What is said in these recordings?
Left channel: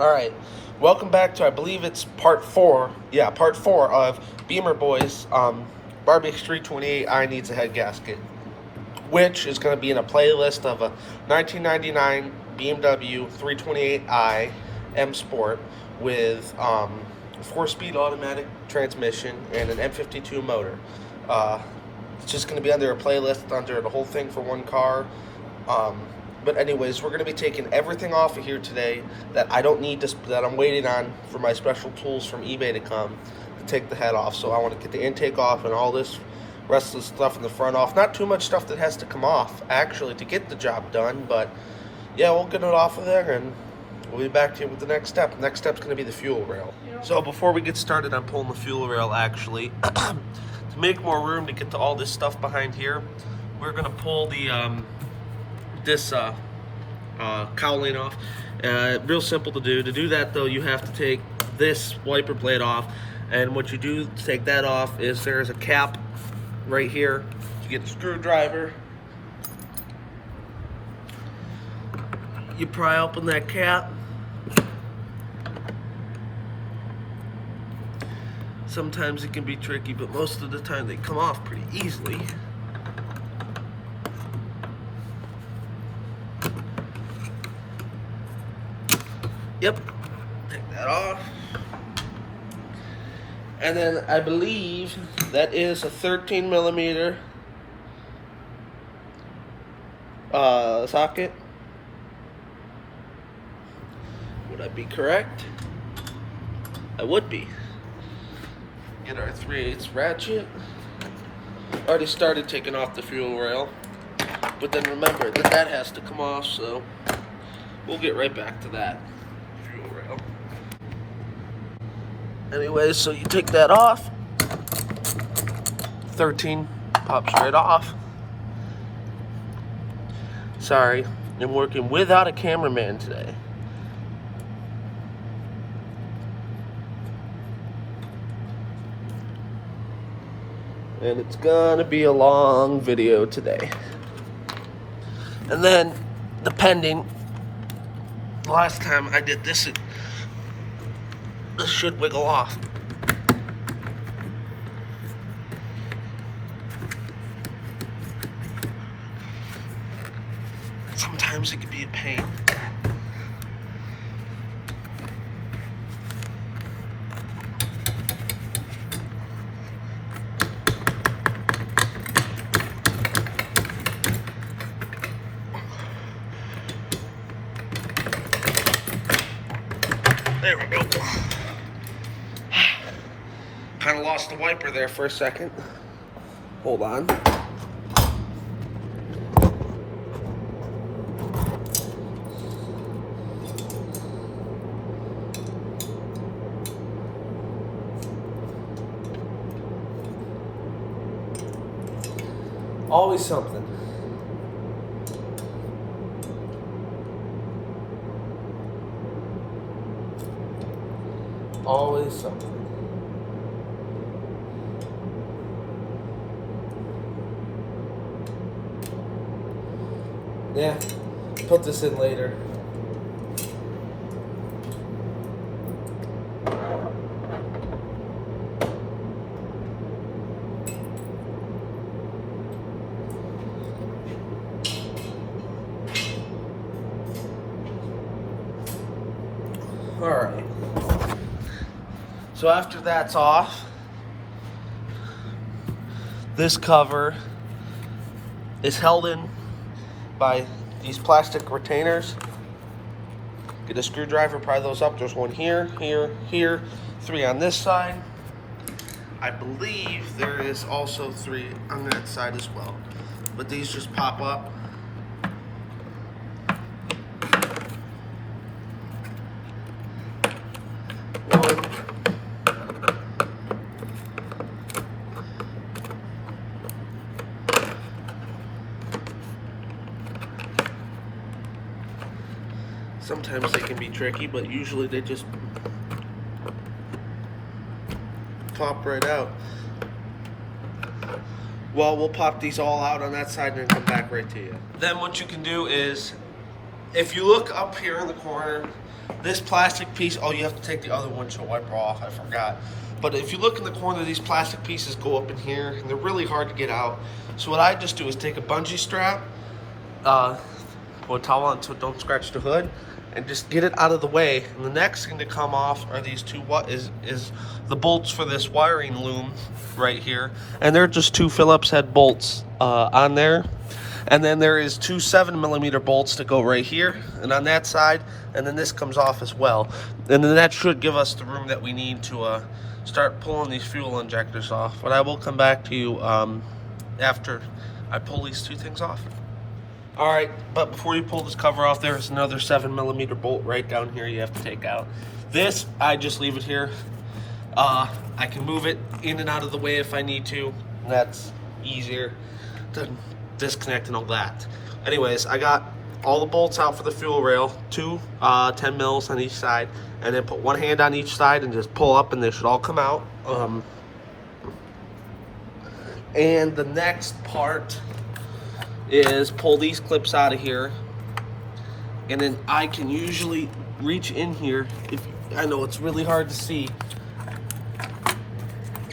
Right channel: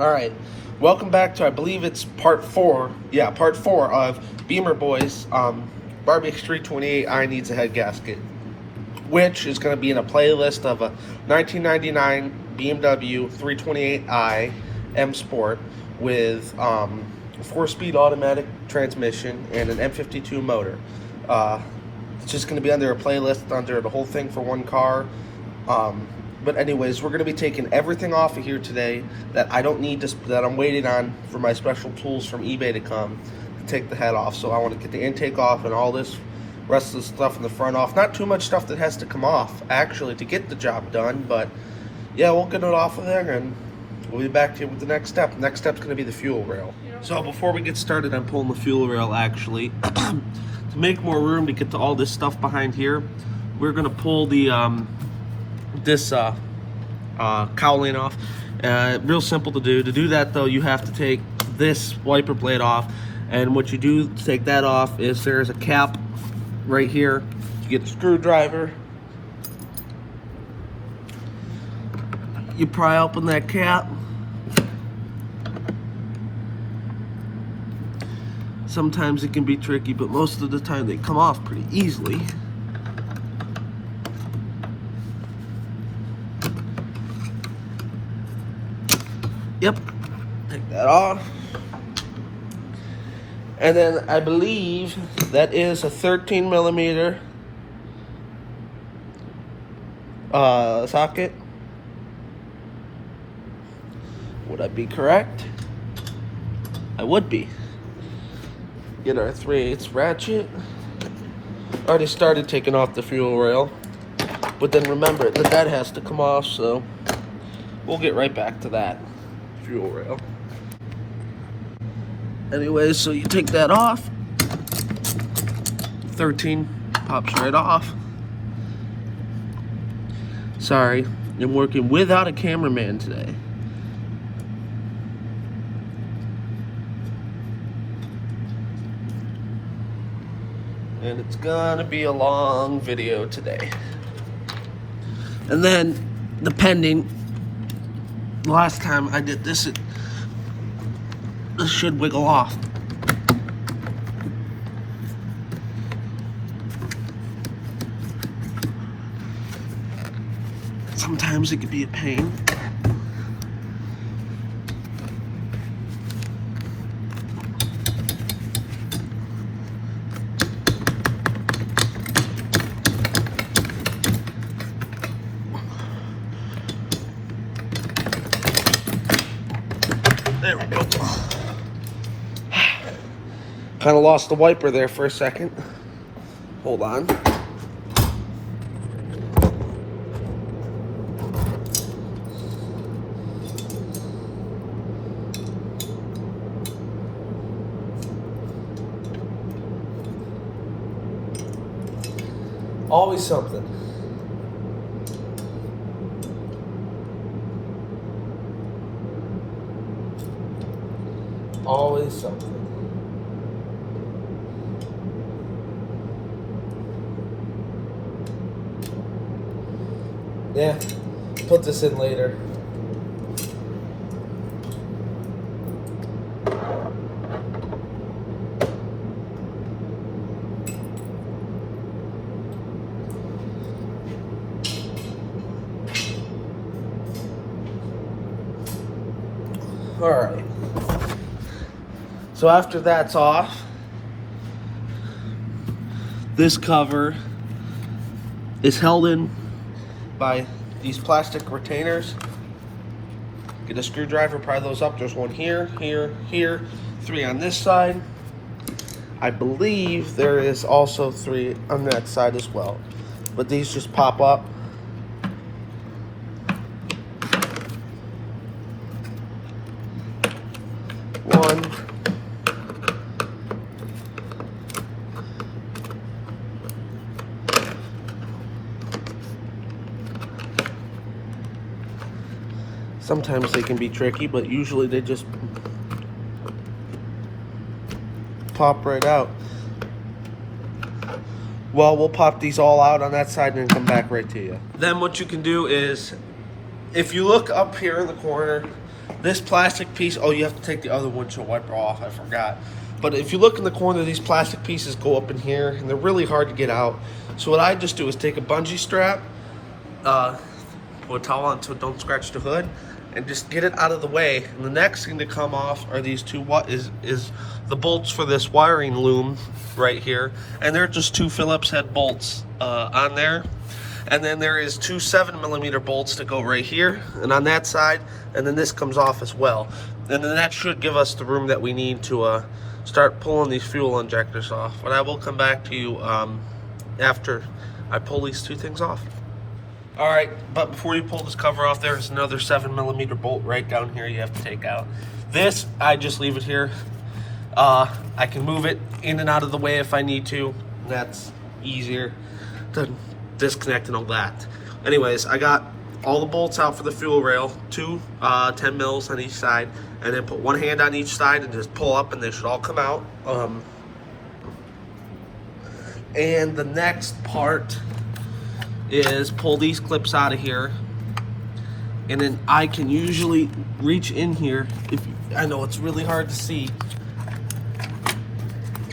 All right, welcome back to, I believe it's part four. Yeah, part four of Beamer Boys. Barbies 328i needs a head gasket, which is going to be in a playlist of a 1999 BMW 328i M Sport with a 4-speed automatic transmission and an M52 motor. It's just going to be under a playlist under the whole thing for one car. But anyways, we're going to be taking everything off of here today that I don't need to, that I'm waiting on for my special tools from eBay to come to take the head off. So I want to get the intake off and all this rest of the stuff in the front off. Not too much stuff that has to come off actually to get the job done, but yeah, we'll get it off of there and we'll be back to you with the next step. Next step's going to be the fuel rail. So before we get started on pulling the fuel rail, actually, to make more room to get to all this stuff behind here, we're going to pull the this cowling off. Real simple to do. To do that though, you have to take this wiper blade off, and what you do to take that off is there's a cap right here. You get the screwdriver, you pry open that cap. Sometimes it can be tricky, but most of the time they come off pretty easily. Yep, take that off. And then I believe that is a 13 millimeter socket. Would I be correct? I would be. Get our 3/8 ratchet. Already started taking off the fuel rail, but then remember that has to come off, so we'll get right back to that. Fuel rail. Anyway, so you take that off. 13 pops right off. Sorry, I'm working without a cameraman today. And it's gonna be a long video today. And then, depending, last time I did this, this should wiggle off. Sometimes it can be a pain. There we go. Kind of lost the wiper there for a second. Hold on. Always something. Always something. Yeah, put this in later. All right. So after that's off, this cover is held in by these plastic retainers. Get a screwdriver, pry those up. There's one here, here, here, 3 on this side. I believe there is also 3 on that side as well. But these just pop up. Sometimes they can be tricky, but usually they just pop right out. Well, we'll pop these all out on that side and then come back right to you. Then what you can do is if you look up here in the corner, this plastic piece, oh, you have to take the other windshield wiper off, I forgot. But if you look in the corner, these plastic pieces go up in here, and they're really hard to get out. So what I just do is take a bungee strap, put a towel on so don't scratch the hood, and just get it out of the way. And the next thing to come off are these two, is the bolts for this wiring loom right here. And they're just two Phillips head bolts on there. And then there is two 7mm bolts that go right here and on that side, and then this comes off as well. And then that should give us the room that we need to start pulling these fuel injectors off. But I will come back to you after I pull these two things off. All right, but before you pull this cover off, there's another 7mm bolt right down here you have to take out. This, I just leave it here. I can move it in and out of the way if I need to. That's easier to disconnect and all that. Anyways, I got all the bolts out for the fuel rail, two 10 mils on each side, and then put one hand on each side and just pull up and they should all come out. And the next part is pull these clips out of here, and then I can usually reach in here. I know it's really hard to see,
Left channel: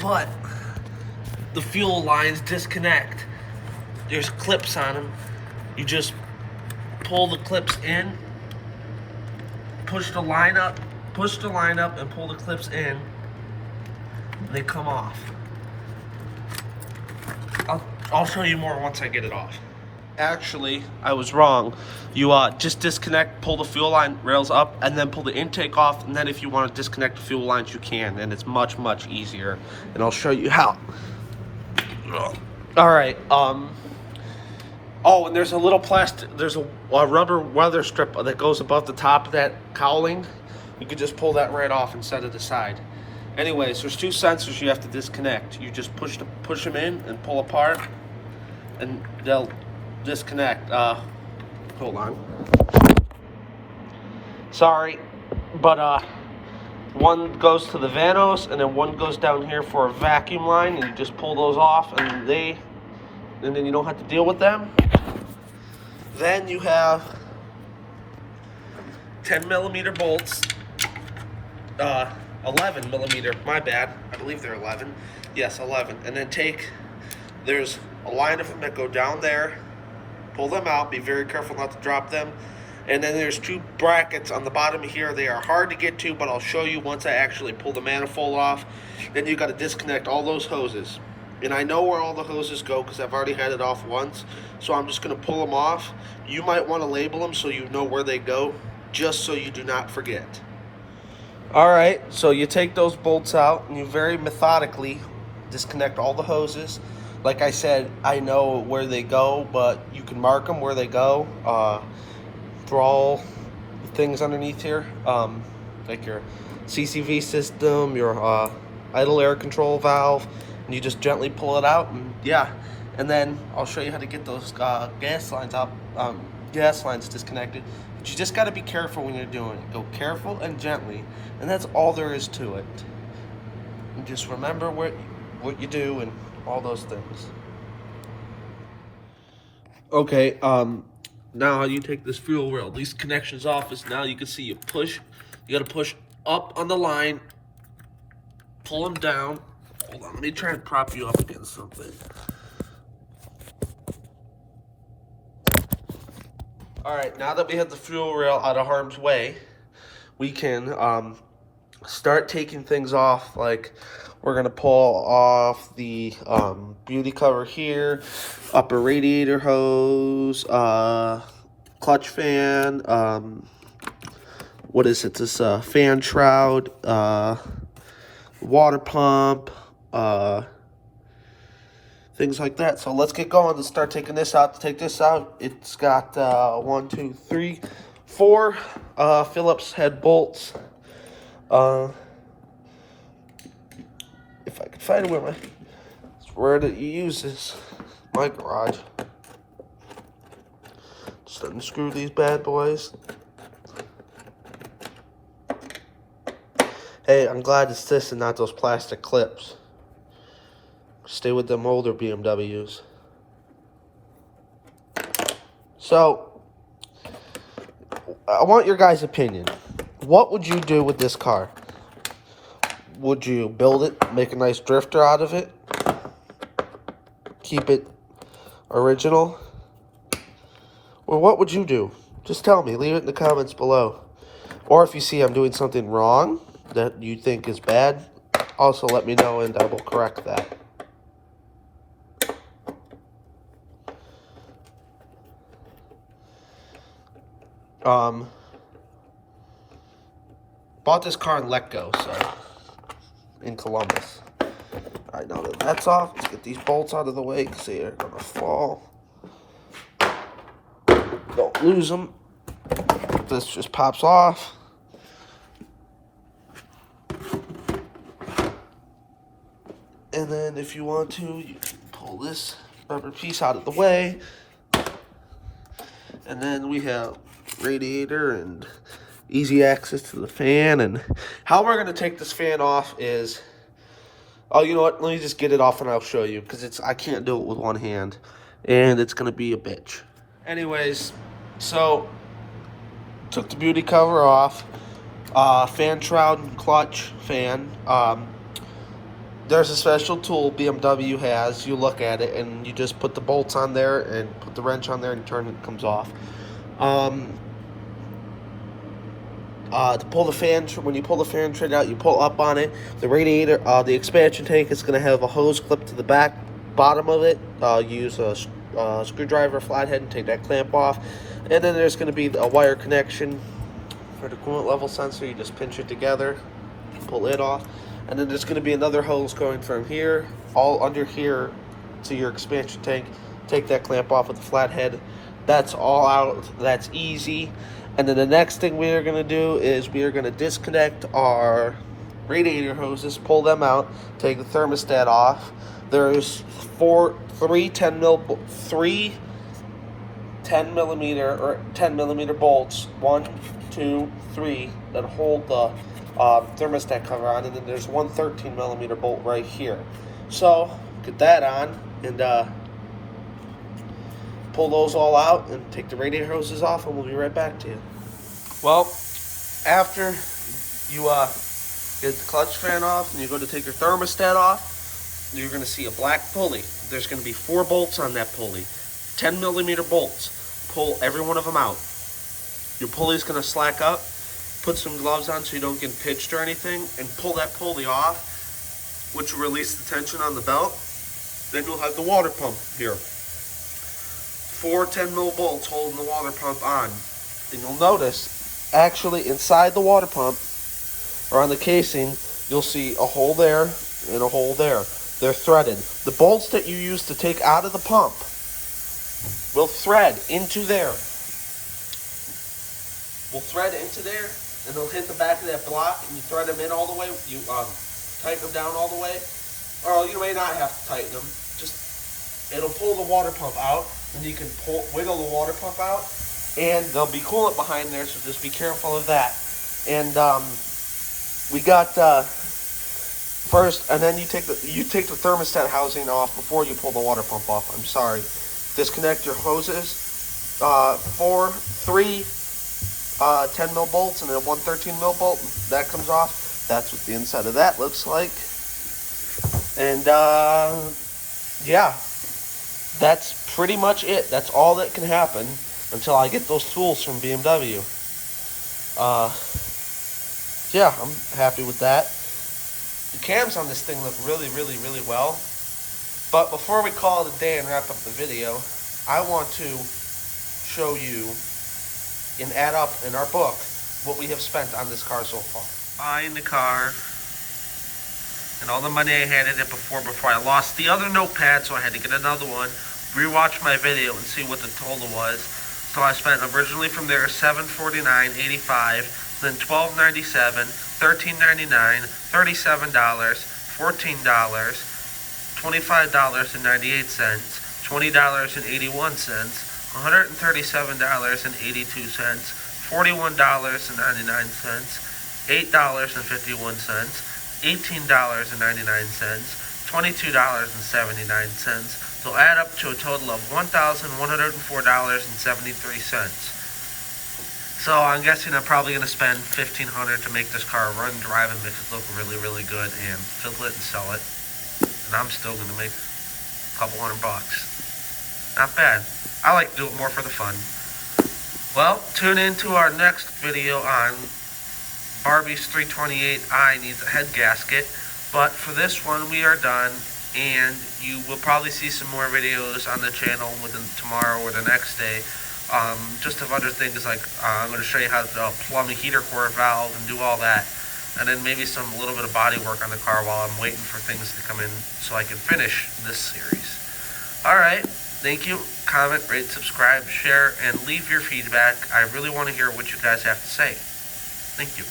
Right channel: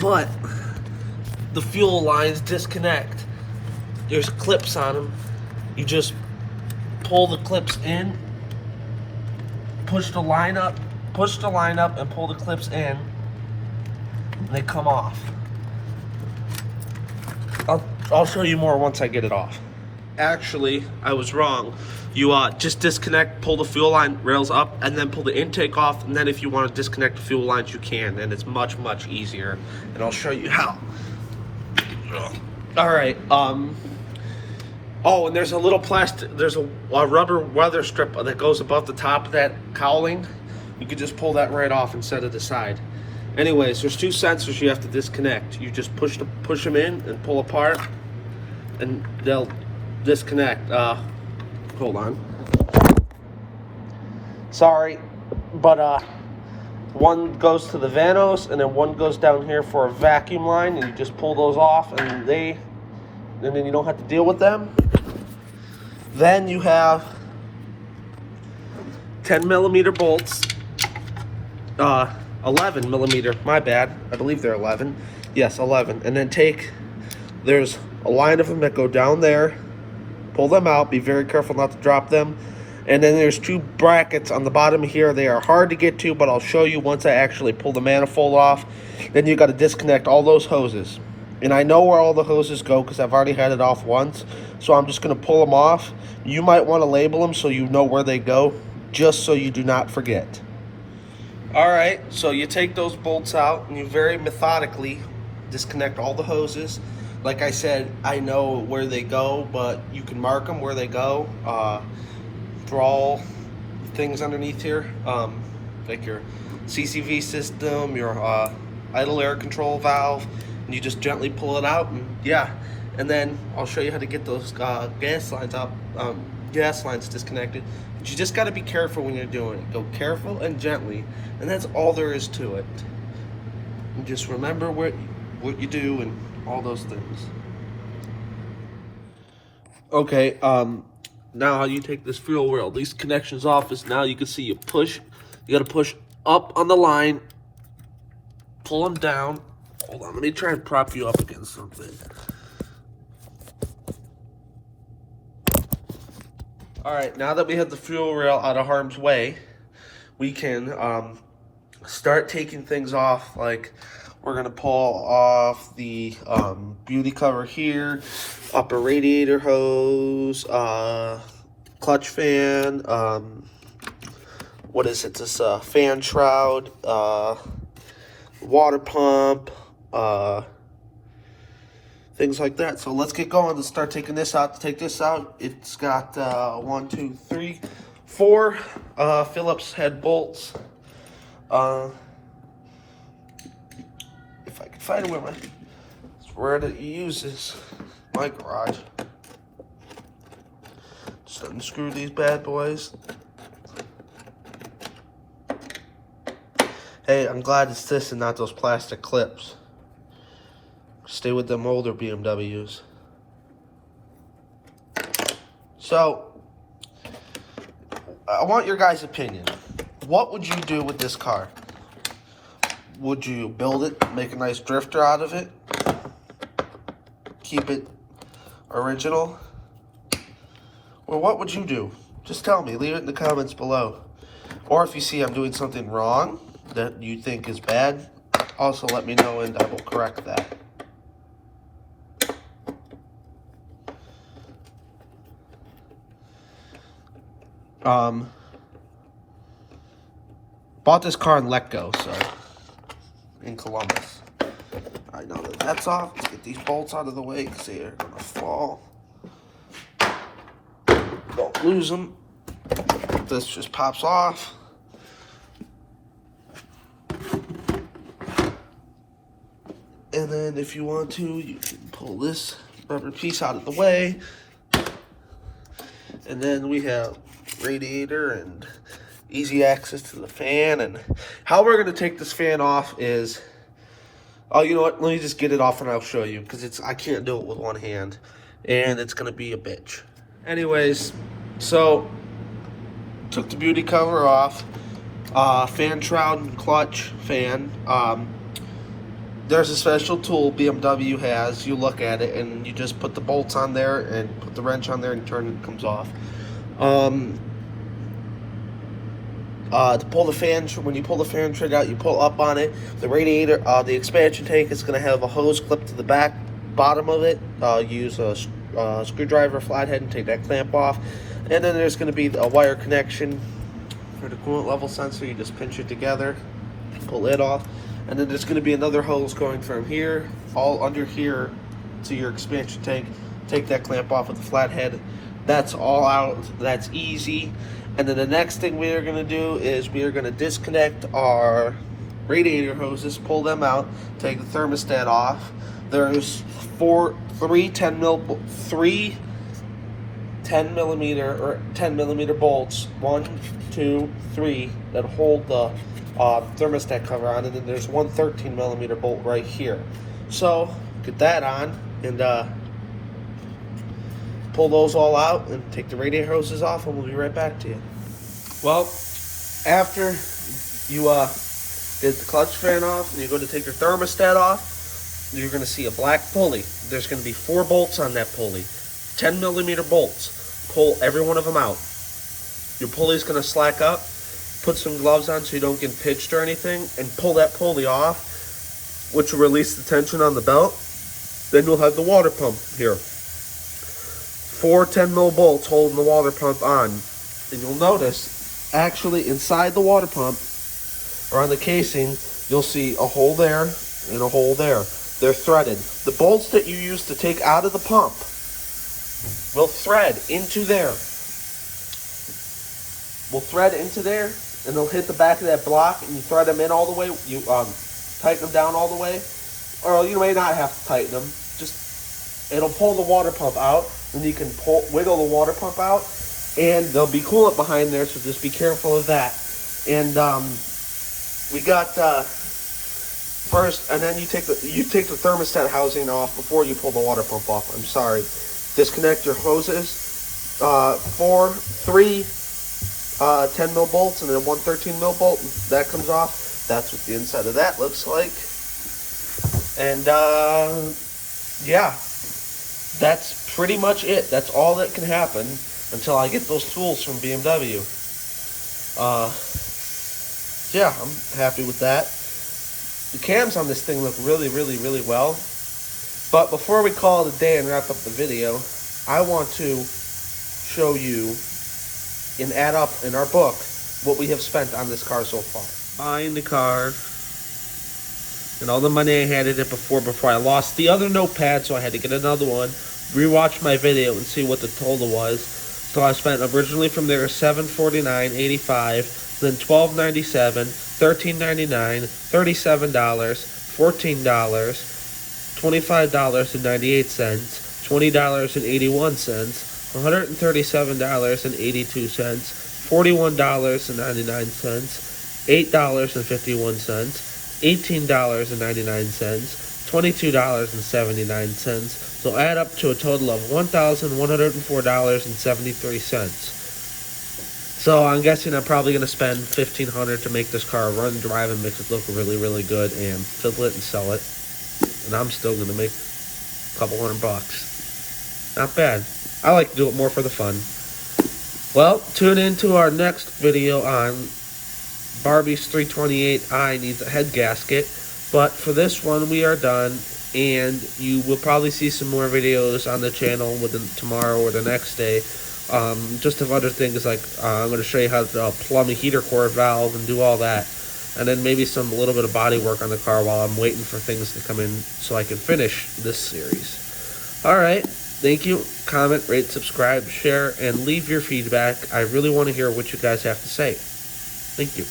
but the fuel lines disconnect. There's clips on them. You just pull the clips in, push the line up, and pull the clips in. They come off. I'll show you more once I get it off. Actually, I was wrong. You just disconnect, pull the fuel line rails up, and then pull the intake off. And then if you want to disconnect the fuel lines, you can, and it's much, much easier. And I'll show you how. All right. Oh, and there's a little plastic, there's a rubber weather strip that goes above the top of that cowling. You can just pull that right off and set it aside. Anyways, there's two sensors you have to disconnect. You just push them in and pull apart, and they'll disconnect. Hold on. Sorry, but one goes to the Vanos, and then one goes down here for a vacuum line, and you just pull those off, and then you don't have to deal with them. Then you have 10mm bolts, 11mm, my bad, I believe they're 11. Yes, 11. And then there's a line of them that go down there, pull them out, be very careful not to drop them. And then there's two brackets on the bottom here. They are hard to get to, but I'll show you once I actually pull the manifold off. Then you got to disconnect all those hoses. And I know where all the hoses go because I've already had it off once. So I'm just going to pull them off. You might want to label them so you know where they go, just so you do not forget. All right, so you take those bolts out and you very methodically disconnect all the hoses. Like I said, I know where they go, but you can mark them where they go. For all things underneath here, like your CCV system, your idle air control valve. And you just gently pull it out, and yeah. And then I'll show you how to get those gas lines out, gas lines disconnected. But you just got to be careful when you're doing it. Go careful and gently, and that's all there is to it. And just remember what you do and all those things. Okay, now you take this fuel rail, these connections off, is now you can see you got to push up on the line, pull them down. Hold on, let me try and prop you up against something. All right, now that we have the fuel rail out of harm's way, we can start taking things off. Like, we're gonna pull off the beauty cover here, upper radiator hose, clutch fan, what is it, this fan shroud, water pump, things like that. So let's get going and start taking this out. To take this out, it's got 1, 2, 3, 4 Phillips head bolts. If I can find where you use this, my garage. Just unscrew these bad boys. Hey, I'm glad it's this and not those plastic clips. Stay with them older BMWs. So, I want your guys' opinion. What would you do with this car? Would you build it, make a nice drifter out of it, keep it original? Or what would you do? Just tell me. Leave it in the comments below. Or if you see I'm doing something wrong that you think is bad, also let me know and I will correct that. Bought this car in Letgo, so in Columbus. I know that that's off. Let's get these bolts out of the way because they are gonna fall. Don't lose them. This just pops off. And then if you want to, you can pull this rubber piece out of the way. And then we have radiator and easy access to the fan. And how we're gonna take this fan off is, oh, you know what? Let me just get it off and I'll show you because I can't do it with one hand, and it's gonna be a bitch. Anyways, so took the beauty cover off, fan shroud and clutch fan. There's a special tool BMW has. You look at it and you just put the bolts on there and put the wrench on there and turn it, it comes off. To pull the fan, when you pull the fan trigger out, you pull up on it. The radiator, the expansion tank is going to have a hose clipped to the bottom of it. Use a screwdriver, flathead, and take that clamp off. And then there's going to be a wire connection for the coolant level sensor. You just pinch it together, pull it off. And then there's going to be another hose going from here, all under here, to your expansion tank. Take that clamp off with the flathead. That's all out. That's easy. And then the next thing we are going to do is we are going to disconnect our radiator hoses, pull them out, take the thermostat off. There's three 10 millimeter bolts, 1, 2, 3, that hold the thermostat cover on, and then there's one 13 millimeter bolt right here. So get that on and pull those all out and take the radiator hoses off, and we'll be right back to you. Well, after you get the clutch fan off and you go to take your thermostat off, you're going to see a black pulley. There's going to be 4 bolts on that pulley, 10 millimeter bolts. Pull every one of them out. Your pulley's going to slack up. Put some gloves on so you don't get pitched or anything, and pull that pulley off, which will release the tension on the belt. Then you'll have the water pump here. 4 10 mil bolts holding the water pump on. And you'll notice, actually inside the water pump, or on the casing, you'll see a hole there and a hole there. They're threaded. The bolts that you use to take out of the pump will thread into there. And they'll hit the back of that block, and you thread them in all the way. You tighten them down all the way, or you may not have to tighten them. Just, it'll pull the water pump out, and you can wiggle the water pump out, and there'll be coolant behind there, so just be careful of that. And we got first, and then you take the thermostat housing off before you pull the water pump off. I'm sorry. Disconnect your hoses. 3 10 mil bolts and then 1 13 mil bolt. That comes off. That's what the inside of that looks like. And yeah, that's pretty much it. That's all that can happen until I get those tools from BMW. Yeah, I'm happy with that. The cams on this thing look really, really, really well. But before we call it a day and wrap up the video, I want to show you and add up in our book what we have spent on this car so far. Buying the car and all the money I had in it before I lost the other notepad, so I had to get another one, rewatch my video and see what the total was. So I spent originally from there $749.85, then $12.97, $13.99, $37, $14, $25.98, $20.81, $137.82, $41.99, $8.51, $18.99, $22.79. So add up to a total of $1,104.73. So I'm guessing I'm probably going to spend $1,500 to make this car run, drive, and make it look really, really good, and fill it and sell it. And I'm still going to make a couple $100. Not bad. I like to do it more for the fun. Well, tune in to our next video on Barbies 328i needs a head gasket. But for this one, we are done. And you will probably see some more videos on the channel within tomorrow or the next day. Just of other things like I'm going to show you how to plumb the heater core valve and do all that. And then maybe a little bit of body work on the car while I'm waiting for things to come in so I can finish this series. Alright, thank you. Comment, rate, subscribe, share, and leave your feedback. I really want to hear what you guys have to say. Thank you.